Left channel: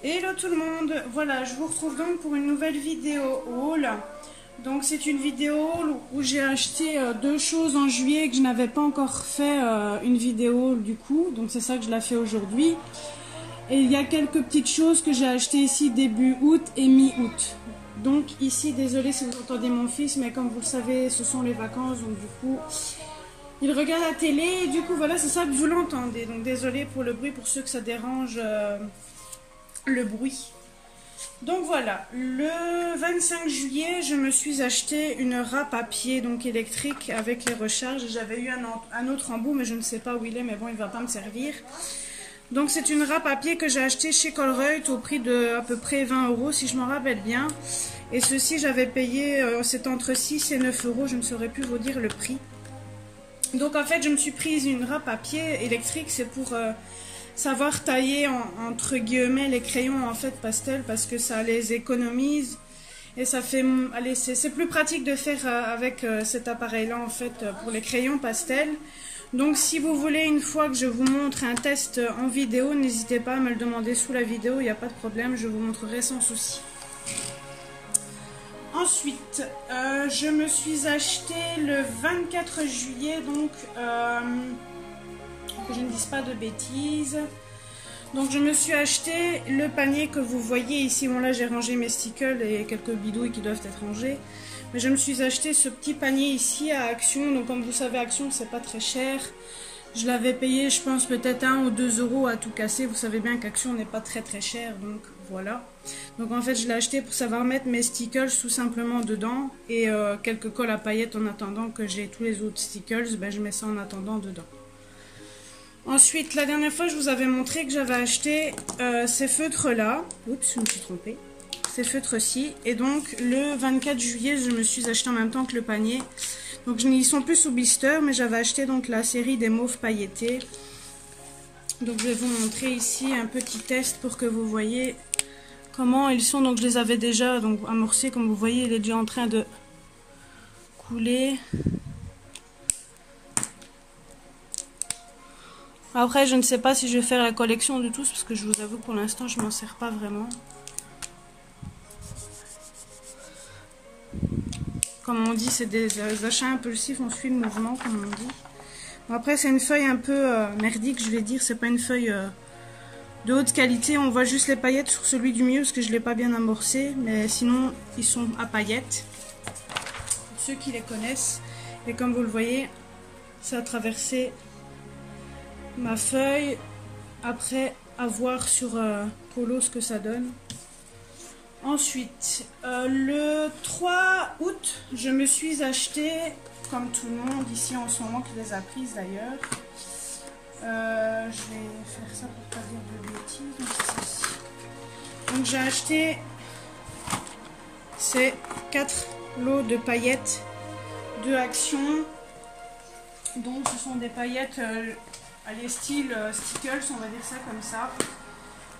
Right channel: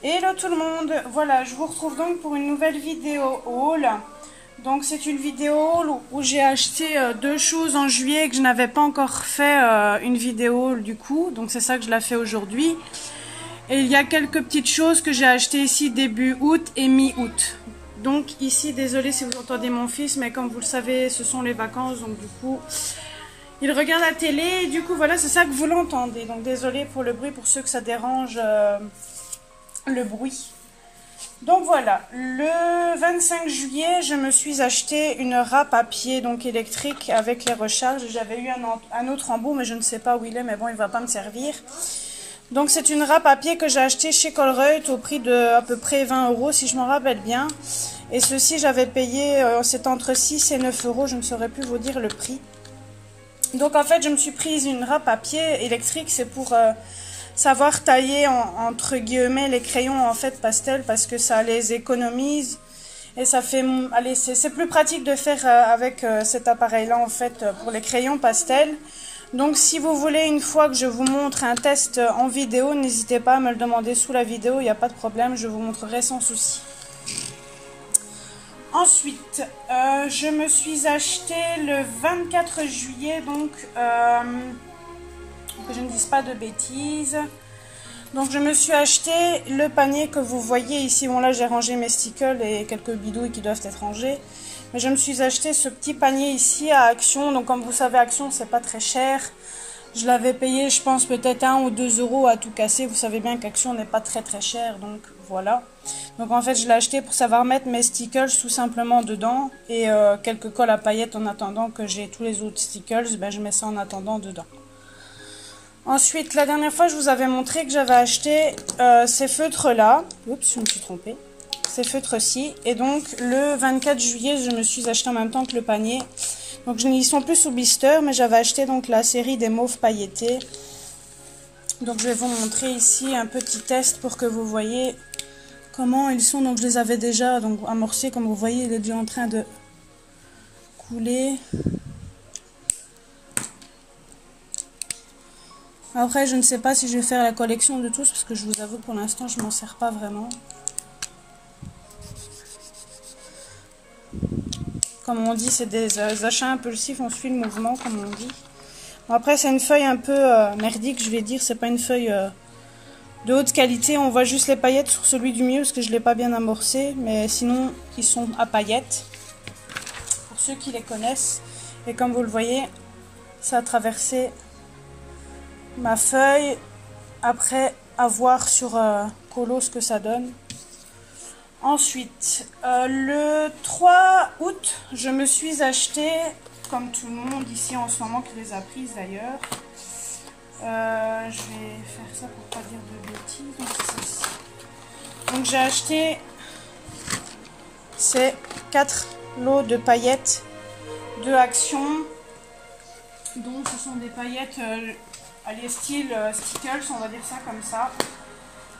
Hello tout le monde, voilà, je vous retrouve donc pour une nouvelle vidéo haul. Donc c'est une vidéo haul où j'ai acheté deux choses en juillet et que je n'avais pas encore fait une vidéo haul du coup. Donc c'est ça que je la fais aujourd'hui. Et il y a quelques petites choses que j'ai achetées ici début août et mi-août. Donc ici, désolé si vous entendez mon fils, mais comme vous le savez, ce sont les vacances, donc du coup, il regarde la télé et du coup voilà, c'est ça que vous l'entendez. Donc désolé pour le bruit, pour ceux que ça dérange le bruit. Donc voilà, le 25 juillet, je me suis acheté une râpe à pied donc électrique avec les recharges. J'avais eu un autre embout, mais je ne sais pas où il est, mais bon, il ne va pas me servir. Donc c'est une râpe à pied que j'ai acheté chez Colruyt au prix de à peu près 20 € si je m'en rappelle bien. Et ceci j'avais payé, c'est entre 6 et 9 €, je ne saurais plus vous dire le prix. Donc en fait je me suis prise une râpe à pied électrique, c'est pour savoir tailler entre guillemets les crayons en fait pastel parce que ça les économise. Et ça fait, allez, c'est plus pratique de faire avec cet appareil-là en fait pour les crayons pastel. Donc si vous voulez une fois que je vous montre un test en vidéo, n'hésitez pas à me le demander sous la vidéo, il n'y a pas de problème, je vous montrerai sans souci. Ensuite, je me suis acheté le 24 juillet, donc que je ne dise pas de bêtises. Donc je me suis acheté le panier que vous voyez ici. Bon là j'ai rangé mes stickers et quelques bidouilles qui doivent être rangés. Mais je me suis acheté ce petit panier ici à Action. Donc comme vous savez, Action c'est pas très cher. Je l'avais payé je pense peut-être 1 ou 2 € à tout casser. Vous savez bien qu'Action n'est pas très cher. Donc voilà. Donc en fait je l'ai acheté pour savoir mettre mes stickers tout simplement dedans. Et quelques colles à paillettes en attendant que j'ai tous les autres stickers. Ben, je mets ça en attendant dedans. Ensuite, la dernière fois, je vous avais montré que j'avais acheté ces feutres-là. Oups, je me suis trompée. Ces feutres-ci. Et donc, le 24 juillet, je me suis acheté en même temps que le panier. Donc, ils sont plus sous blister, mais j'avais acheté donc la série des mauves pailletés. Donc, je vais vous montrer ici un petit test pour que vous voyez comment ils sont. Donc, je les avais déjà donc, amorcés. Comme vous voyez, il est déjà en train de couler. Après, je ne sais pas si je vais faire la collection de tous, parce que je vous avoue que pour l'instant, je ne m'en sers pas vraiment. Comme on dit, c'est des achats impulsifs, on suit le mouvement, comme on dit. Bon, après, c'est une feuille un peu merdique, je vais dire. C'est pas une feuille de haute qualité. On voit juste les paillettes sur celui du milieu, parce que je ne l'ai pas bien amorcé. Mais sinon, ils sont à paillettes. Pour ceux qui les connaissent. Et comme vous le voyez, ça a traversé ma feuille après avoir sur Colo ce que ça donne. Ensuite, le 3 août, je me suis acheté, comme tout le monde ici en ce moment qui les a prises d'ailleurs. Je vais faire ça pour pas dire de bêtises. Donc c'est ceci. Donc j'ai acheté ces 4 lots de paillettes de Action. Donc ce sont des paillettes les styles stickers, on va dire ça comme ça.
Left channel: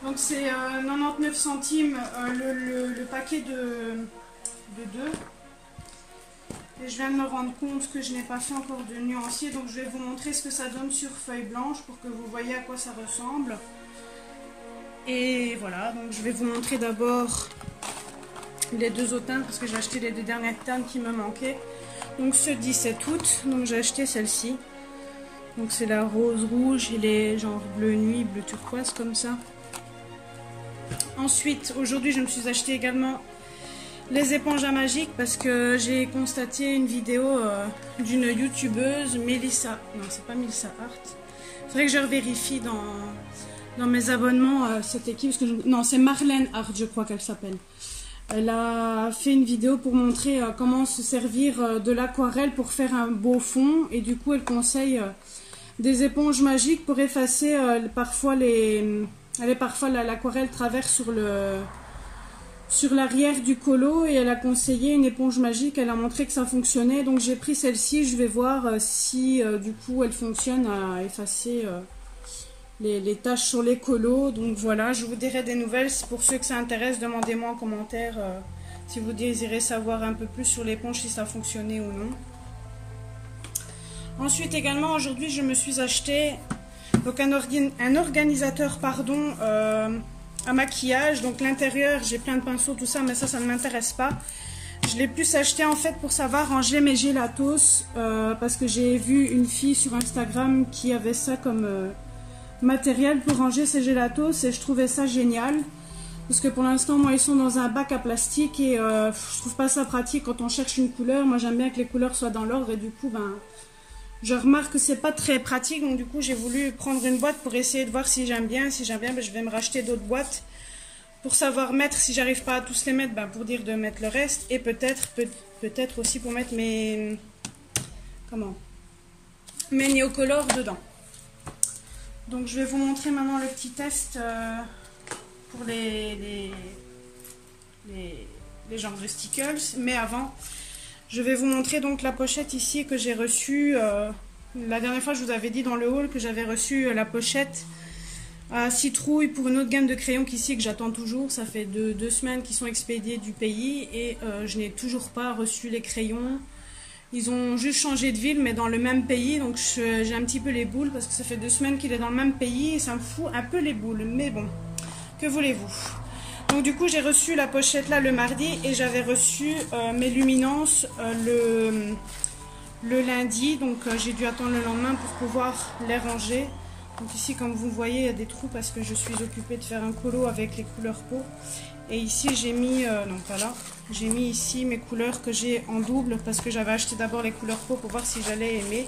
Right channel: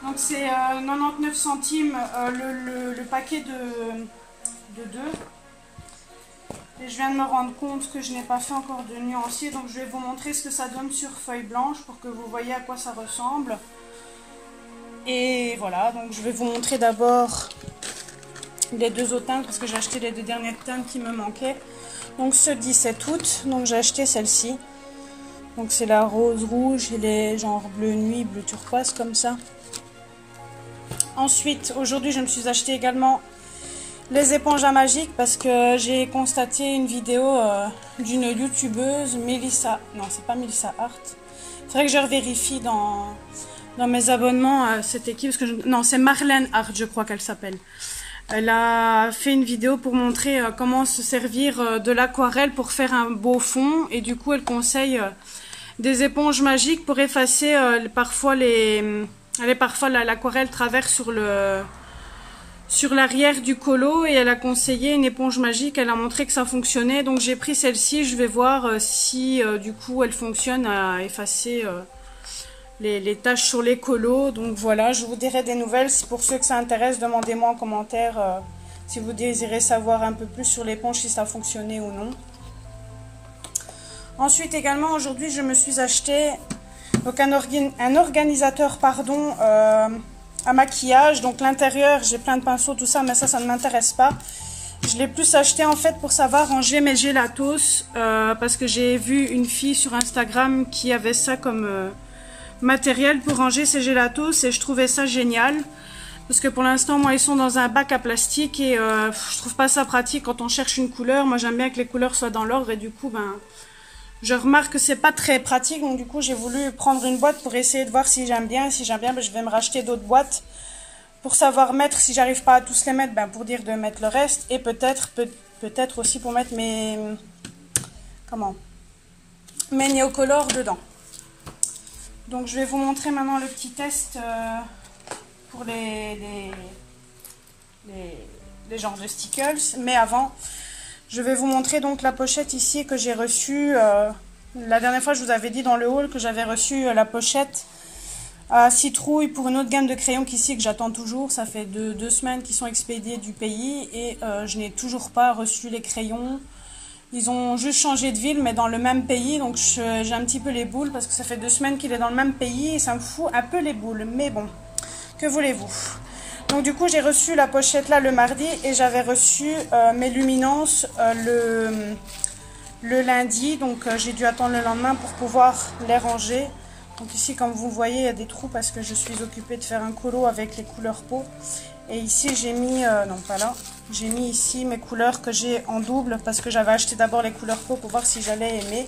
Donc c'est 99 centimes le paquet de 2. Et je viens de me rendre compte que je n'ai pas fait encore de nuancier. Donc je vais vous montrer ce que ça donne sur feuille blanche pour que vous voyez à quoi ça ressemble. Et voilà, donc je vais vous montrer d'abord les deux autres teintes parce que j'ai acheté les deux dernières teintes qui me manquaient. Donc ce 17 août, donc j'ai acheté celle-ci. Donc c'est la rose rouge et les genre bleu nuit, bleu turquoise comme ça. Ensuite, aujourd'hui je me suis acheté également les éponges à magique parce que j'ai constaté une vidéo d'une youtubeuse, Melissa. Non, c'est pas Melissa Hart. Il faudrait que je revérifie dans mes abonnements à cette équipe. Parce que non, c'est Marlène Hart, je crois qu'elle s'appelle. Elle a fait une vidéo pour montrer comment se servir de l'aquarelle pour faire un beau fond. Et du coup, elle conseille des éponges magiques pour effacer parfois l'aquarelle traverse sur l'arrière du colo. Et elle a conseillé une éponge magique. Elle a montré que ça fonctionnait. Donc j'ai pris celle-ci. Je vais voir si du coup elle fonctionne à effacer les taches sur les colos. Donc voilà, je vous dirai des nouvelles. Pour ceux que ça intéresse, demandez-moi en commentaire si vous désirez savoir un peu plus sur l'éponge, si ça fonctionnait ou non. Ensuite également, aujourd'hui, je me suis acheté donc un organisateur à maquillage. Donc l'intérieur, j'ai plein de pinceaux, tout ça, mais ça ne m'intéresse pas. Je l'ai plus acheté en fait pour savoir ranger mes gélatos, parce que j'ai vu une fille sur Instagram qui avait ça comme matériel pour ranger ses gélatos et je trouvais ça génial. Parce que pour l'instant, moi, ils sont dans un bac à plastique et je trouve pas ça pratique quand on cherche une couleur. Moi, j'aime bien que les couleurs soient dans l'ordre et du coup, ben, je remarque que c'est pas très pratique. Donc du coup, j'ai voulu prendre une boîte pour essayer de voir si j'aime bien. Si j'aime bien, ben, je vais me racheter d'autres boîtes pour savoir mettre. Si j'arrive pas à tous les mettre, ben, pour dire de mettre le reste et peut-être aussi pour mettre mes néocolores dedans. Donc je vais vous montrer maintenant le petit test. Pour les genres de stickers, mais avant je vais vous montrer donc la pochette ici que j'ai reçue. La dernière fois je vous avais dit dans le haul que j'avais reçu la pochette à citrouille pour une autre gamme de crayons qu'ici que j'attends toujours. Ça fait 2 semaines qu'ils sont expédiés du pays et je n'ai toujours pas reçu les crayons. Ils ont juste changé de ville mais dans le même pays, donc j'ai un petit peu les boules parce que ça fait 2 semaines qu'il est dans le même pays et ça me fout un peu les boules, mais bon. Que voulez-vous? Donc du coup j'ai reçu la pochette là le mardi et j'avais reçu mes luminances le lundi. Donc j'ai dû attendre le lendemain pour pouvoir les ranger. Donc ici comme vous voyez il y a des trous parce que je suis occupée de faire un colo avec les couleurs peau. Et ici j'ai mis, non pas là, j'ai mis ici mes couleurs que j'ai en double parce que j'avais acheté d'abord les couleurs peau pour voir si j'allais aimer.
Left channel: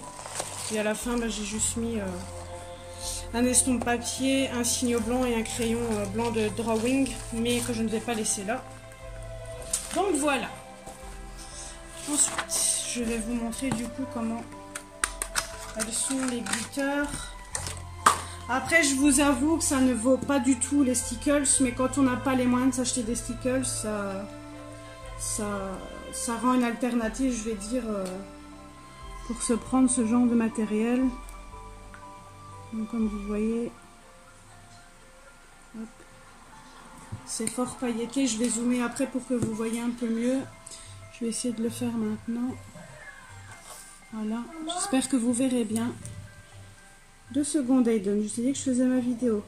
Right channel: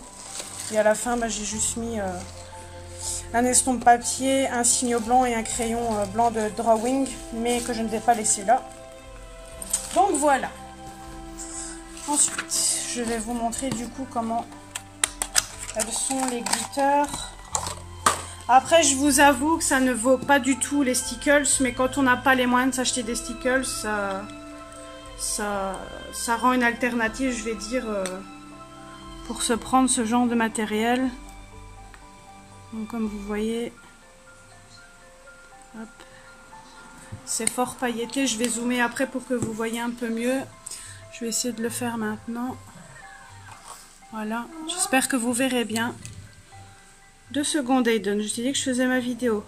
Et à la fin bah, j'ai juste mis... un estompe papier, un signo blanc et un crayon blanc de drawing, mais que je ne vais pas laisser là. Donc voilà. Ensuite, je vais vous montrer du coup comment elles sont les glitters. Après, je vous avoue que ça ne vaut pas du tout les stickers, mais quand on n'a pas les moyens de s'acheter des stickers, ça rend une alternative, je vais dire, pour se prendre ce genre de matériel. Donc comme vous voyez, c'est fort pailleté. Je vais zoomer après pour que vous voyez un peu mieux. Je vais essayer de le faire maintenant. Voilà, j'espère que vous verrez bien. 2 secondes Aiden, je t'ai dit que je faisais ma vidéo.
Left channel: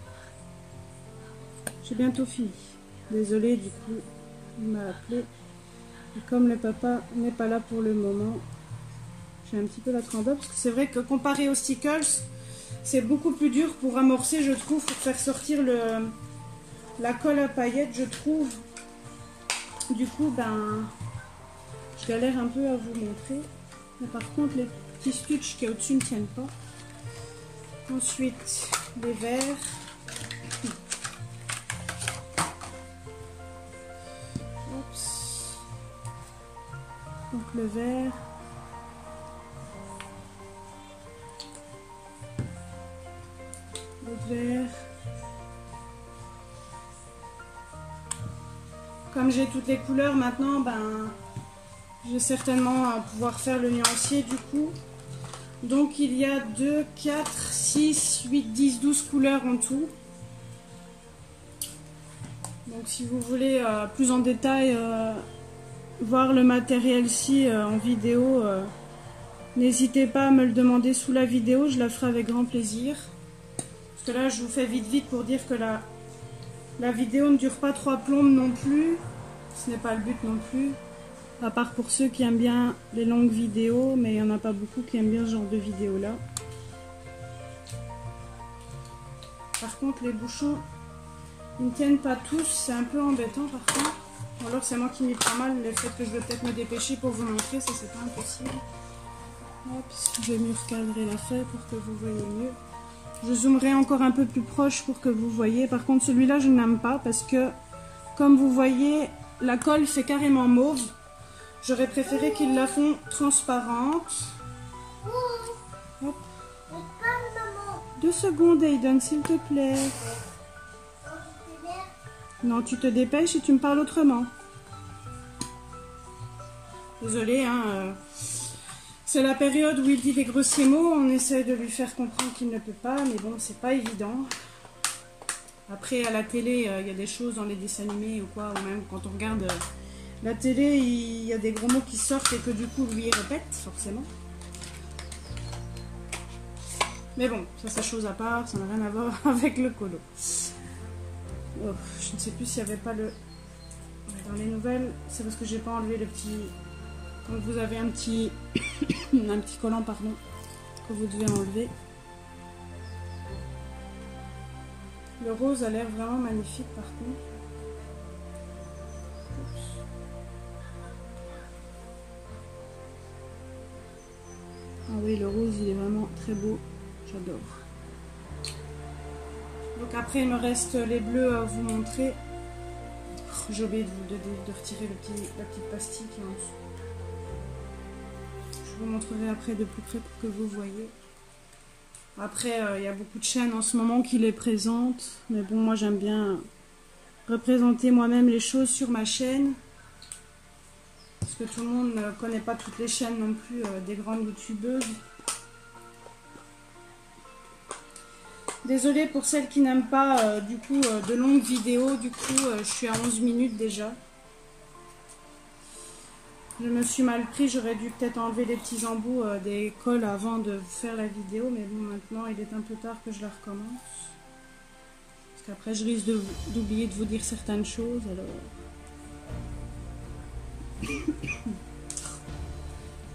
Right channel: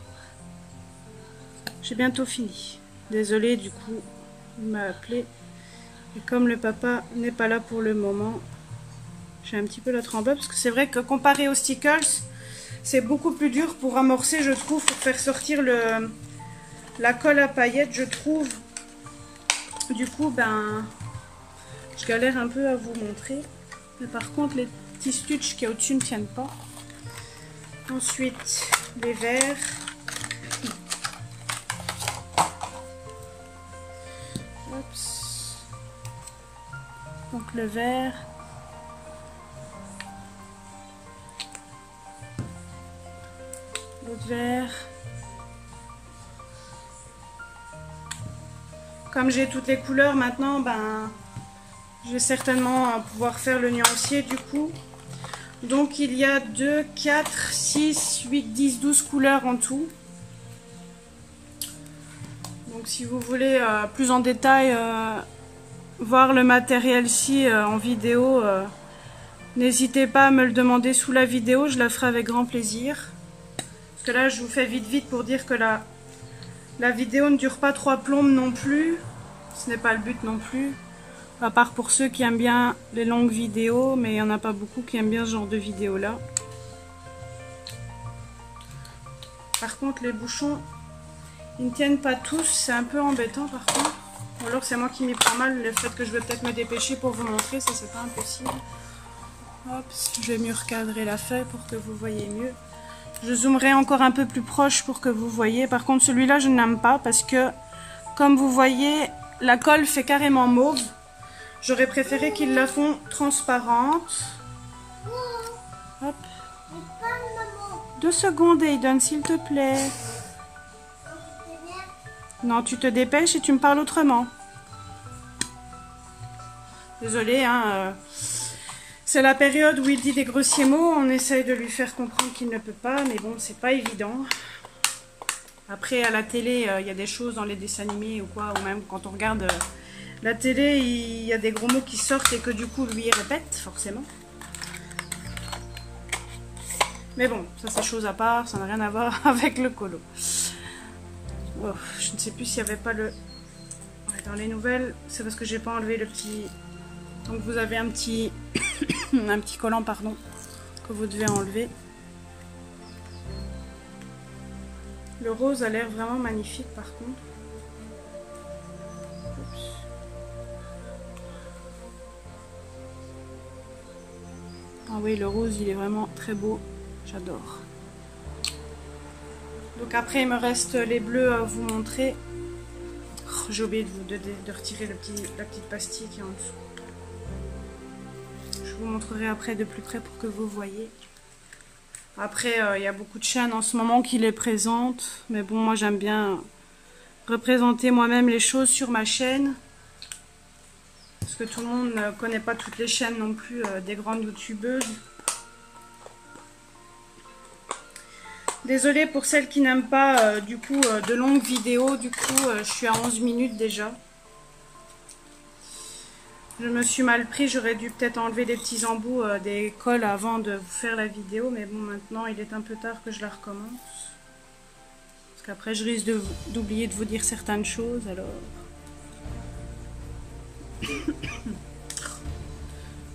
J'ai bientôt fini. Désolée du coup, il m'a appelé. Et comme le papa n'est pas là pour le moment, j'ai un petit peu la tremblade parce que c'est vrai que comparé aux stickers, c'est beaucoup plus dur pour amorcer, je trouve, pour faire sortir la colle à paillettes, je trouve. Du coup, ben, je galère un peu à vous montrer. Mais par contre, les petits stitches qui est au-dessus ne tiennent pas. Ensuite, les verres. Oups. Donc le verre. Vert. Comme j'ai toutes les couleurs maintenant, ben, je vais certainement pouvoir faire le nuancier du coup. Donc il y a 2, 4, 6, 8, 10, 12 couleurs en tout. Donc si vous voulez plus en détail voir le matériel-ci en vidéo, n'hésitez pas à me le demander sous la vidéo, je la ferai avec grand plaisir. Parce que là, je vous fais vite pour dire que la vidéo ne dure pas 3 plombes non plus. Ce n'est pas le but non plus. À part pour ceux qui aiment bien les longues vidéos, mais il n'y en a pas beaucoup qui aiment bien ce genre de vidéo là. Par contre, les bouchons, ils ne tiennent pas tous. C'est un peu embêtant par contre. Ou alors c'est moi qui m'y prends mal, le fait que je vais peut-être me dépêcher pour vous montrer, ça c'est pas impossible. Hop, je vais mieux recadrer la feuille pour que vous voyez mieux. Je zoomerai encore un peu plus proche pour que vous voyez. Par contre, celui-là, je n'aime pas parce que, comme vous voyez, la colle fait carrément mauve. J'aurais préféré qu'ils la font transparente. Hop. 2 secondes, Aiden, s'il te plaît. Non, tu te dépêches et tu me parles autrement. Désolée, hein. C'est la période où il dit des grossiers mots, on essaye de lui faire comprendre qu'il ne peut pas, mais bon, c'est pas évident. Après, à la télé, il y a des choses dans les dessins animés ou quoi, ou même quand on regarde la télé, il y a des gros mots qui sortent et que du coup, lui, il répète, forcément. Mais bon, ça c'est chose à part, ça n'a rien à voir avec le colo. je ne sais plus s'il n'y avait pas le... Ouais, dans les nouvelles, c'est parce que j'ai pas enlevé le petit... Donc vous avez un petit... un petit collant, pardon, que vous devez enlever. Le rose a l'air vraiment magnifique par contre. Ah oui, le rose, il est vraiment très beau. J'adore. Donc après, il me reste les bleus à vous montrer. Oh, j'ai oublié de retirer la petite pastille qui est en dessous. Je vous montrerai après de plus près pour que vous voyez. Après, il y a beaucoup de chaînes en ce moment qui les présentent. Mais bon, moi, j'aime bien représenter moi-même les choses sur ma chaîne. Parce que tout le monde ne connaît pas toutes les chaînes non plus des grandes youtubeuses. Désolée pour celles qui n'aiment pas du coup de longues vidéos. Du coup, je suis à 11 minutes déjà. Je me suis mal pris. J'aurais dû peut-être enlever les petits embouts des cols avant de vous faire la vidéo. Mais bon, maintenant, il est un peu tard que je la recommence. Parce qu'après, je risque d'oublier de vous dire certaines choses. Alors...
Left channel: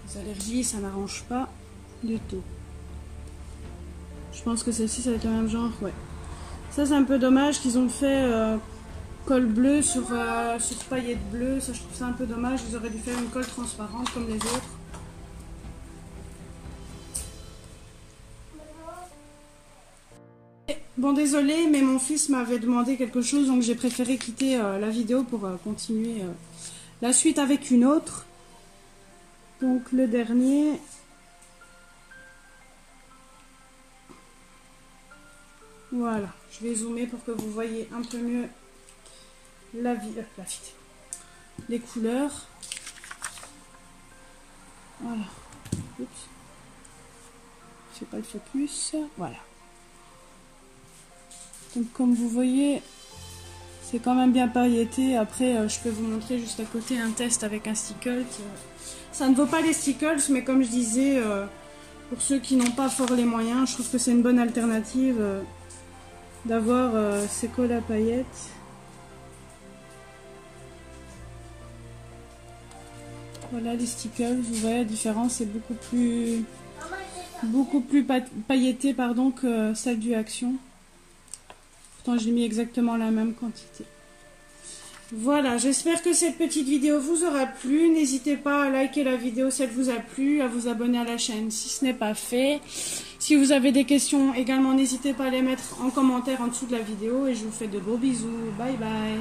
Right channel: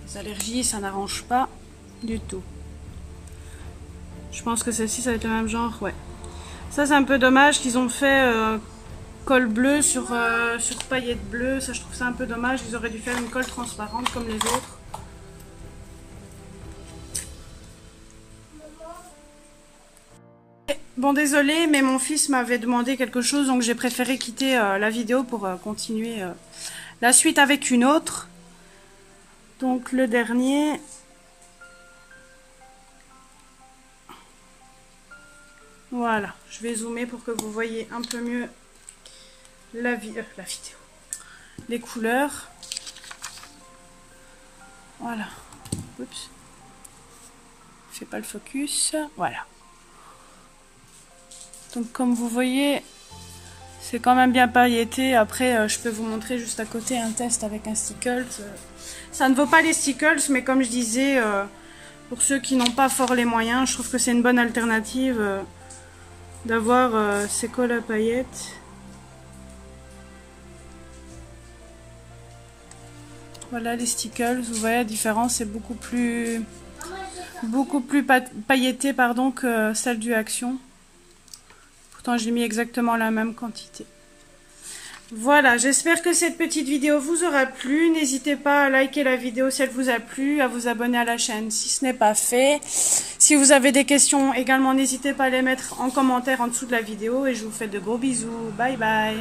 Les allergies, ça n'arrange pas du tout. Je pense que celle-ci, ça va être le même genre, ouais. Ça, c'est un peu dommage qu'ils ont fait colle bleu sur paillettes bleues. Ça, je trouve ça un peu dommage. Ils auraient dû faire une colle transparente comme les autres. Bon, désolé, mais mon fils m'avait demandé quelque chose, donc j'ai préféré quitter la vidéo pour continuer la suite avec une autre. Donc le dernier. Voilà, je vais zoomer pour que vous voyez un peu mieux la vidéo. Les couleurs. Voilà. Oups. Je fais pas le focus. Voilà. Donc comme vous voyez, c'est quand même bien pailleté. Après, je peux vous montrer juste à côté un test avec un Stickles. Ça ne vaut pas les Stickles, mais comme je disais, pour ceux qui n'ont pas fort les moyens, je trouve que c'est une bonne alternative d'avoir ces colles à paillettes. Voilà les Stickles, vous voyez la différence, c'est beaucoup plus pailleté pardon, que celle du Action. Pourtant j'ai mis exactement la même quantité. Voilà, j'espère que cette petite vidéo vous aura plu. N'hésitez pas à liker la vidéo si elle vous a plu, à vous abonner à la chaîne si ce n'est pas fait. Si vous avez des questions également, n'hésitez pas à les mettre en commentaire en dessous de la vidéo. Et je vous fais de gros bisous. Bye bye.